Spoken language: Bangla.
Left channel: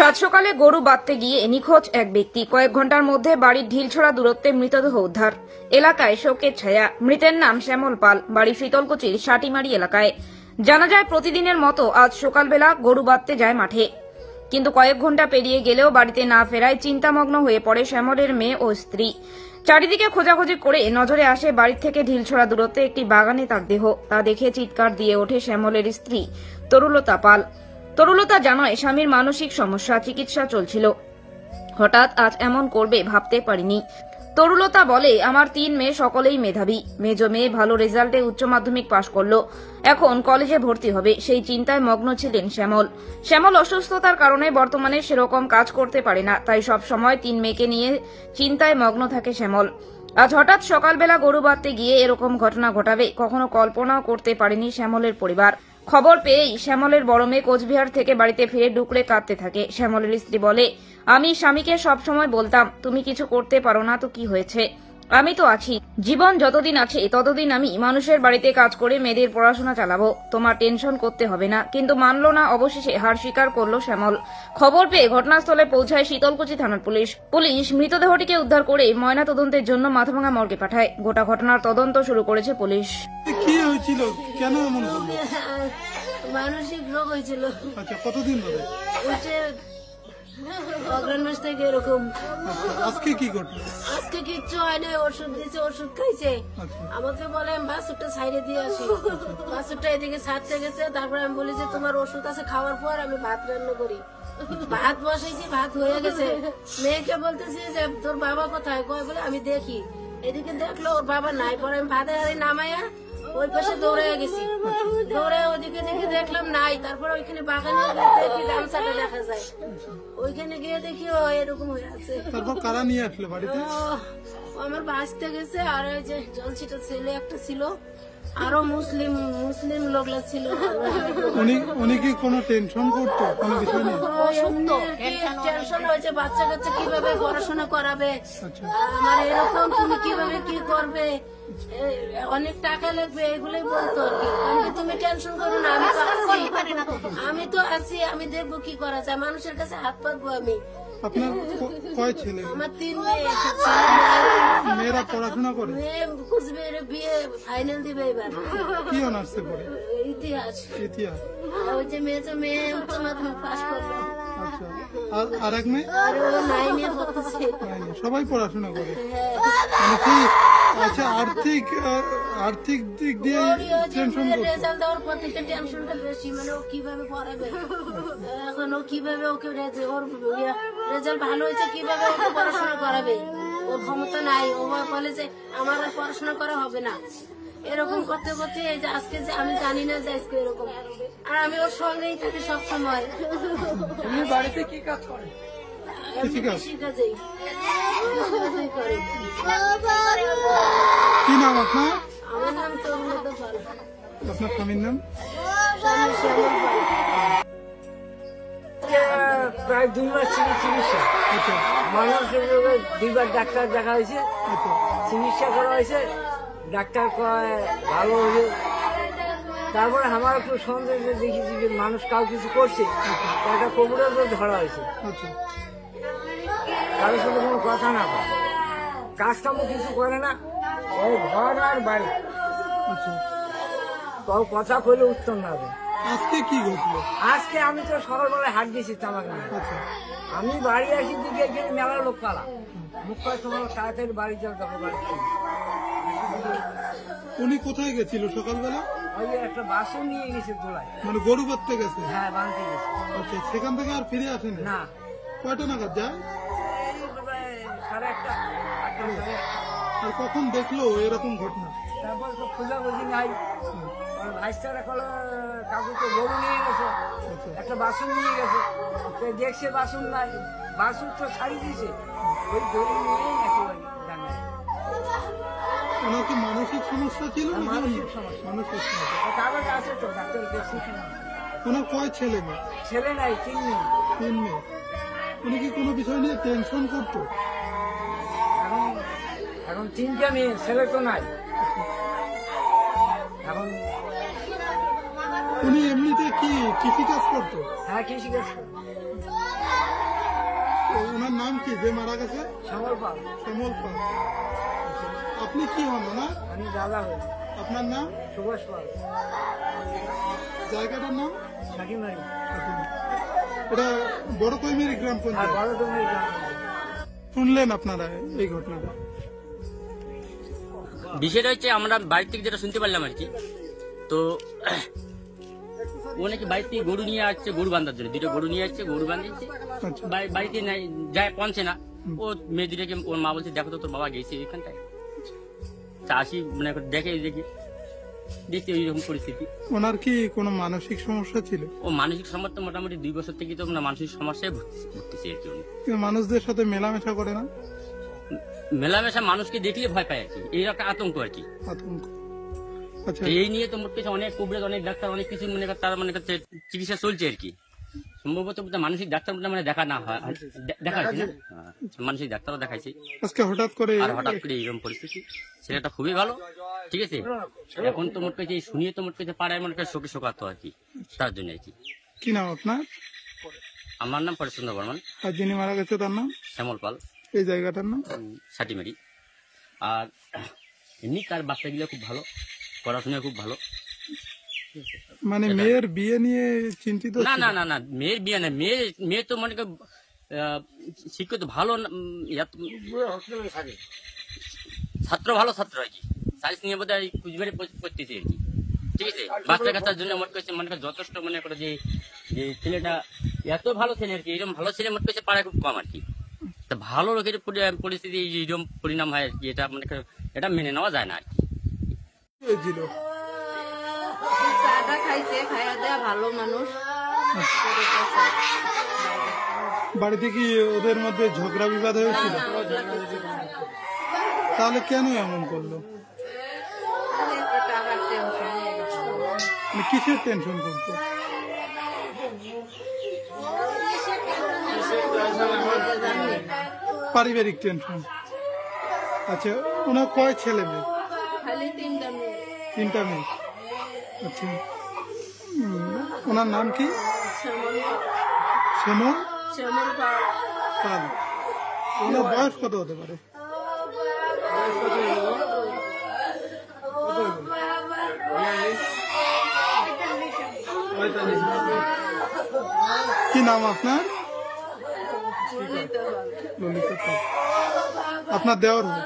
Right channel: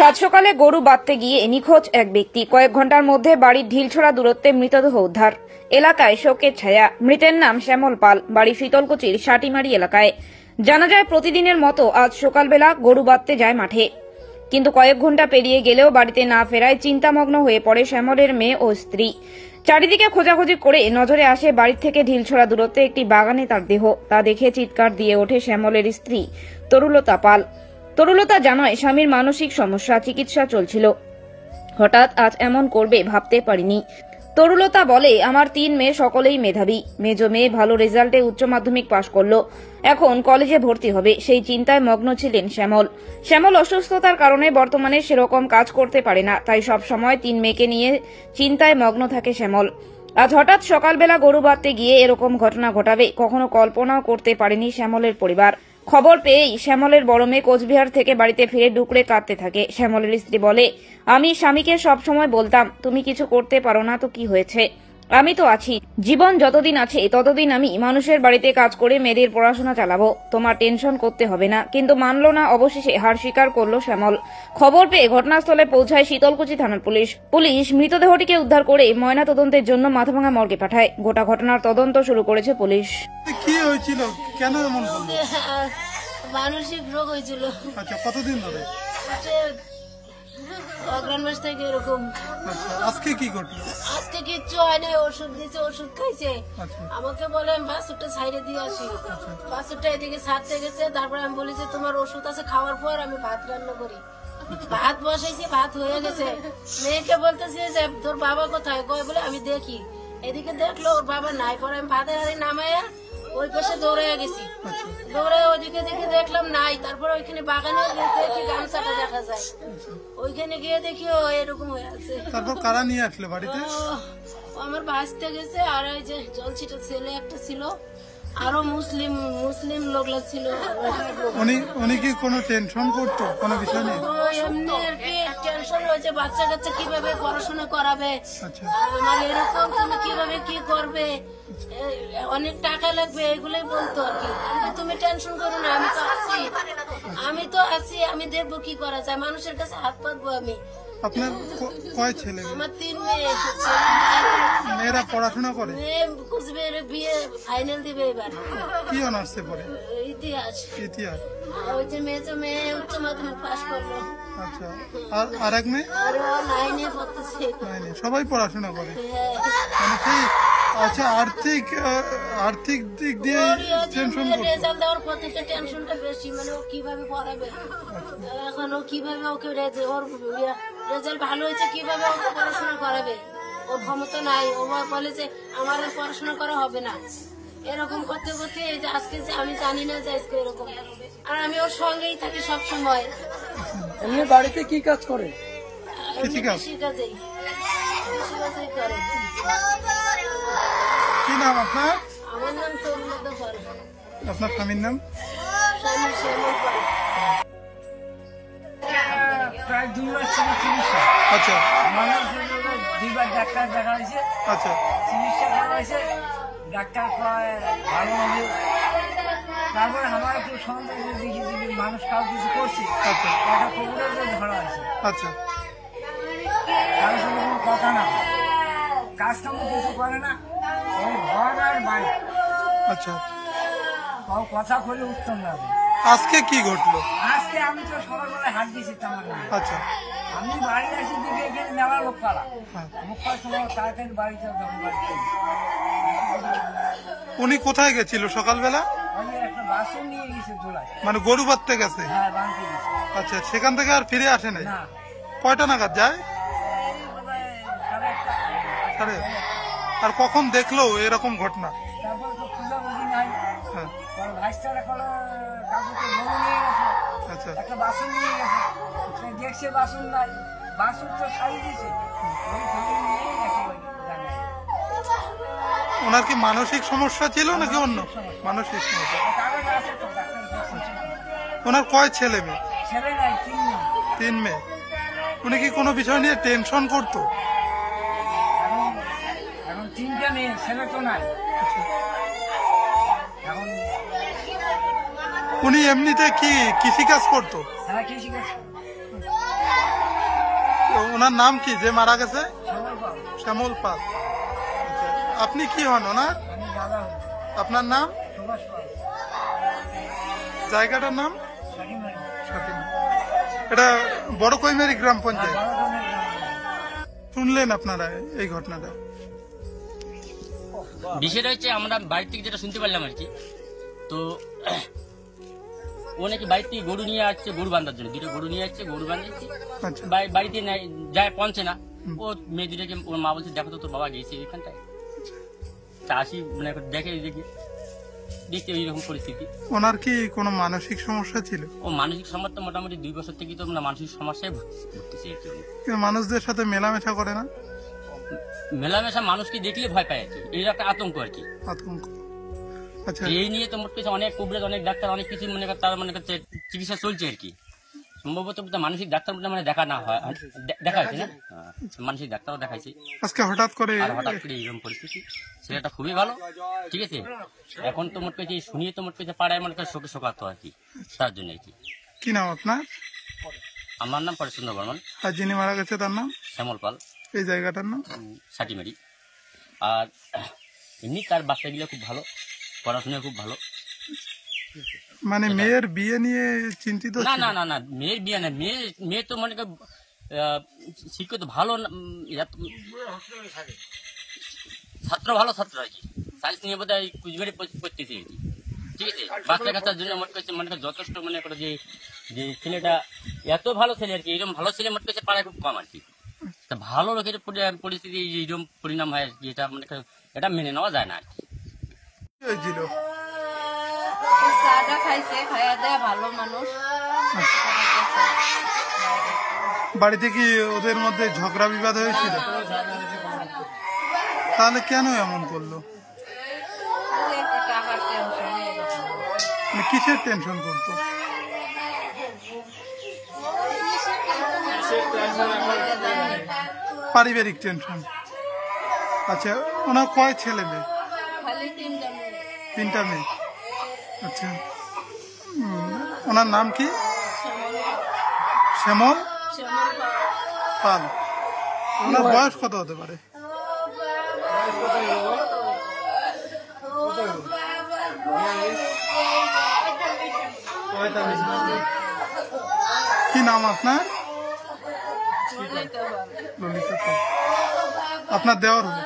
সাত সকালে গরু বাঁধতে গিয়ে নিখোঁজ এক ব্যক্তি। কয়েক ঘন্টার মধ্যে বাড়ির ঢিলছোড়া দূরত্বে মৃতদেহ উদ্ধার। এলাকায় শোকের ছায়া। মৃতের নাম শ্যামল পাল, বাড়ি শীতলকুচির সাটিমারি এলাকায়। জানা যায় প্রতিদিনের মতো আজ সকালবেলা গরু বাঁধতে যায় মাঠে, কিন্তু কয়েক ঘন্টা পেরিয়ে গেলেও বাড়িতে না ফেরায় চিন্তামগ্ন হয়ে পড়ে শ্যামলের মেয়ে ও স্ত্রী। চারিদিকে খোঁজাখুঁজি করে নজরে আসে বাড়ির থেকে ঢিলছোড়া দূরত্বে একটি বাগানে তার দেহ। তা দেখে চিৎকার দিয়ে ওঠে শ্যামলের স্ত্রী তরুলতা পাল। তরুলতা জানায় স্বামীর মানসিক সমস্যা, চিকিৎসা চলছিল। হঠাৎ আজ এমন করবে ভাবতে পারিনি। তরুলতা বলে, আমার 3 মেয়ে, সকলেই মেধাবী। মেজো মেয়ে ভালো রেজাল্টে উচ্চ মাধ্যমিক পাশ করল, এখন কলেজে ভর্তি হবে, সেই চিন্তায় মগ্ন ছিলেন শ্যামল। শ্যামল অসুস্থতার কারণে বর্তমানে সেরকম কাজ করতে পারে না, তাই সব সময় 3 মেয়েকে নিয়ে চিন্তায় মগ্ন থাকে শ্যামল। আজ হঠাৎ সকালবেলা গরু বাঁধতে গিয়ে এরকম ঘটনা ঘটাবে কখনো কল্পনাও করতে পারেনি শ্যামলের পরিবার। খবর পেয়েই শ্যামলের বড় মেয়ে কোচবিহার থেকে বাড়িতে ফিরে ডুকরে কাঁদতে থাকে। শ্যামলের স্ত্রী বলে, আমি স্বামীকে সবসময় বলতাম, তুমি কিছু করতে পারো না তো কি হয়েছে, আমি তো আছি, জীবন যতদিন আছে ততদিন আমি মানুষের বাড়িতে কাজ করে মেয়েদের পড়াশোনা চালাবো, তোমার টেনশন করতে হবে না। কিন্তু মানল না, অবশেষে হার স্বীকার করল শ্যামল। খবর পেয়ে ঘটনাস্থলে পৌঁছায় শীতলকুচি থানার পুলিশ মৃতদেহটিকে উদ্ধার করে ময়না তদন্তের জন্য মাথাভাঙা মর্গে পাঠায়। গোটা ঘটনার তদন্ত শুরু করেছে পুলিশ। কি হয়েছিল, কেন এমন হলো? মানসিক রোগ হয়েছিল। আচ্ছা, কতদিন ধরে? অগ্রাণ মাস থেকে এরকম। আচ্ছা, আজকে কি ঘটলো? আজকে কিচ্ছু হয় না, ওষুধ দিয়েছে, ওষুধ খাইছে। আমাকে বলে বাসুরটা সাইডে দিয়ে আসি, বাসুরটা এদিকে ছাড়তে গেছে। তারপরে আমি বলি যে তোমার ওষুধ আছে, খাওয়ার পর আমি ভাত রান্না করি। ভাত বসাইছি, ভাত হয়ে গেছে। মেয়েকে বলতেছি যে তোর বাবা কোথায়, কয় বলে আমি দেখি। এদিকে দেখলো ওর বাবা নাই, পরে আমি ভাতের হাড়ি নামাইয়া ওই পাশে দৌড়ে গেছি। দৌড়ে ওইদিকে দেখে দেখলাম নাই। তারপর ওইখানে বাগানে দেখি গামছাটা দেখা যায়, ওইখানে গিয়ে দেখি ও এরকম হয়ে আছে। তারপর কারা নিয়ে আসলো বাড়িতে? আমার ভাসতে গেছে, আর ওই যে জলছিটা ছেলে একটা ছিল, আরো মুসলিম লোকলা ছিল। উনি কি কোনো টেনশন করতো কোনো বিষয় নিয়ে? এমনি আর কি টেনশন হয়েছে, বাচ্চা কাচ্চা কিভাবে পড়াশোনা করাবে, আমার এরকম তুমি কিভাবে কি করবে, অনেক টাকা লাগবে, এগুলোই বলতো আর কি। কারণ তুমি টেনশন করো না, আমি তো আছি, আমি দেখবো কি করা যায়, মানুষের কাছে হাত পাতবো আমি। আপনার কয় ছেলে? আমার 3 মেয়ে। মেয়েরা পড়াশোনা করে? কুচবিহারে বিয়ে ফাইনাল দিবে এবার। কি অনার্সে পড়ে? ইতিহাস। ওই যে মেয়ে উচ্চ মাধ্যমিক পাশ করলো। আচ্ছা, আর এক মেয়ে? আর ও 9-এ পড়তেছে। 9-এ। সবাই পড়াশোনা করে? মানে সেই আচ্ছা, আর্থিক দিক দিয়ে টেনশন করতো? রেজাল্ট দেওয়ার পর থেকে টেনশনটা বেশি, মানে ও কিভাবে পড়াবে, এখন ও কিভাবে ওকে ওর রেজাল্ট ভালো হয়েছে, কিভাবে ওকে পড়াশোনা করাবে, ওর ক্ষমতা নাই। ও বলে যে আমার আর পড়াশোনা করা হবে না, এরকম করতে করতে এই যে আজকে যে আমি জানি না যে আজকে এরকম। আর আমি ওর সঙ্গেই থাকি সব সময়। বাড়িতে কি কাজ করে? কৃষিকাজেই করে। কি নাম আপনার? আমার নাম তরুলতা পাল। আপনার স্বামীর নাম? স্বামী শ্যামল পাল। প্রায় 2 মাস থেকে চিকিৎসা। আচ্ছা, মানুষের রোগে 2বার ডাক্তার দেখা হয়েছে। আচ্ছা, চিকিৎসা করা হয়েছে, ডাক্তার ভালো হয়েছে। তারপরে আমার একটু সন্দেহ দেখি যে মানুষ কাউ কিছু করছে, টাকা কবুলের ধরা হয়েছে। আচ্ছা, কারোর সঙ্গে কোনো কথা না, কাজ কামও কিছু করে না, ওই ঘর আর বাড়ি। আচ্ছা, তাও কথা বলে উত্তম না। আজকে কি ঘটলো? আজকে আমি তো সকালবেলায় হাত দিয়েছি তামাকে। আচ্ছা, আমি বাড়ি আসি দিকে এখানে মেলা লোক কালা মুখ সময় তাড়াতাড়ি বাড়ি যাও, তখন বাড়িতে। উনি কোথায় গেছিল সকালবেলা? ওই একটা বাসও নিয়ে গেছে দোলায়, মানে গরু বাঁধতে গেছে? হ্যাঁ, বাঁধতে গেছে। আচ্ছা, সেখান থেকে আর ফিরে আসে না? কয়টা নাগাদ যায়? 1:30। আর কখন দেখলো এরকম ঘটনা? তারপর তো খোঁজাখুঁজি নাই। ভাইস্তারা কাকুকে গরু নিয়ে গেছে, একটা বাসন নিয়ে গেছে, দেখছে বাসন না, বাসন তো ছাড়ি দিয়েছে, ওই গরু নিয়ে গেছে। ওনার কি মানসিক সমস্যা ছিল নাকি অন্য? মানসিক সমস্যা। আছে তো, ডাক্তার দেখছে। ওনার কয় ছেলে মেয়ে? ছেলে নাই, 3 মেয়ে। 3 মেয়ে। উনি কি কোনো বিষয় নিয়ে টেনশন করতো? এখন 3টা মেয়ে, ছেলে তো নাই। এখন উনি এমনিতে কি কৃষিকাজ করতো? হ্যাঁ, কৃষিকাজ করতো। ওনার নাম কি যে মারা গেছে? শ্যামল পাল। শ্যামল পাল। আচ্ছা, আপনি কি হন ওনার? আমি দাদা হই। আপনার নাম? সুভাষ পাল। জায়গাটার নাম? সাকিমারি। সাকিমারি। এটা বড় কৈমেরি গ্রাম পঞ্চায়েত। বড় কর্মের গ্রাম। শুনলেন আপনারা এই ঘটনাটা? বিষয়টা হচ্ছে আমরা বাড়ি থেকে যেটা শুনতে পারলাম আর কি, তো ও নাকি বাড়ি থেকে গরু নিয়ে আসছে, গরু বাঁধার জন্য 2টা গরু নিয়ে আসছে, গরু বাঁধিয়েছে, আচ্ছা, বাড়িতে যায় পৌঁছে না। ও মেয়ে 2টাকে ওর মা বলছে দেখো তো তোর বাবা গেছে এখানটায়, চাষি মানে দেখে দেখতে এইরকম পরিস্থিতি। ওনার কি কোনো মানসিক সমস্যা ছিল? ও মানসিক সমস্যা মোটামুটি 2 বছর থেকে তো মানসিক সমস্যায় ভুগতেছে আর কি। কিন্তু মানুষদের সাথে মেলামেশা করে না? মেলামেশা মানুষকে দেখলে ভয় পায় আর কি, এই একটা আতঙ্ক আর কি। আতঙ্ক। আচ্ছা, এই নিয়ে তো মোট কিছু অনেক কুবরেজ, অনেক ডাক্তার, অনেক কিছু মনে করে তার মনে করছে চিকিৎসা চলছে আর কি। সম্ভবত মানসিক ডাক্তার মানে দেখা না হয়, দেখা হয়েছে না, মানসিক ডাক্তারও দেখাইছে। আজকে হঠাৎ করে আর হঠাৎ করে এইরকম পরিস্থিতি। ছেলেটা খুবই ভালো, ঠিক আছে। এখন তো মোট কিছু শুনিয়ে তো মোট কিছু পাড়ায় মনে করে শোকে শোকাতো আর কি, তার জন্য আর কি। কি নাম আপনার? আমার নাম পরেশচন্দ্র বর্মন। আর যিনি মারা গেছে তার নাম? শ্যামল পাল। এই জায়গাটার নাম? সাটিমারি। আর এমনি তার বাচ্চাগুলো খুব ভালো, পড়াশোনা খুব ভালো। মানে মেয়ের বিয়ে নিয়ে চিন্তিত? না না না না, মেয়ের বিয়ে না, মেয়ে তো মনে কর শিক্ষিত ভালো, ছাত্র ভালো ছাত্র আর কি, সায়েন্স নিয়ে বোধ হয় কুচবিহারে পড়তেছে আর কি, ঠিক আছে। বাচ্চা কাচ্চার জন্য মনে করছে মনে করে যথেষ্ট মনে করে যে ছেলেটা এত ভালো ছেলে আর কি, এরকম ভালো ছেলে মনে করছে পাড়ায় খুব কম আর কি। ভালো লোকের পরিস্থিতি এইরকম পরিণাম হয় আর কি, এটা মনে করে এটা মেনে নেওয়া যায় না আর কি। হয়েছিল? চাটা খাইছে, খাইয়া দেয়া ভালো মানুষ। বাড়িতে কি ওদের মধ্যে ঝগড়া বিবাদ হয়েছিল? তাহলে কেন এমন করলো? টাকার টেনশন, মানে কিসের টেনশন করতো? পারিবারিক টেনশন। আচ্ছা, ওনার কয় ছেলে মেয়ে? খালি 3টা মেয়ে। 3টা মেয়ে। আচ্ছা, ওনার নাম কি? শ্যামল পাল। শ্যামল শ্যামল পাল। পাল। ওনার বয়স কত হতে পারে? কি নাম আপনার? ললিতা পাল। ললিতা পাল। আপনার দেওর হবে?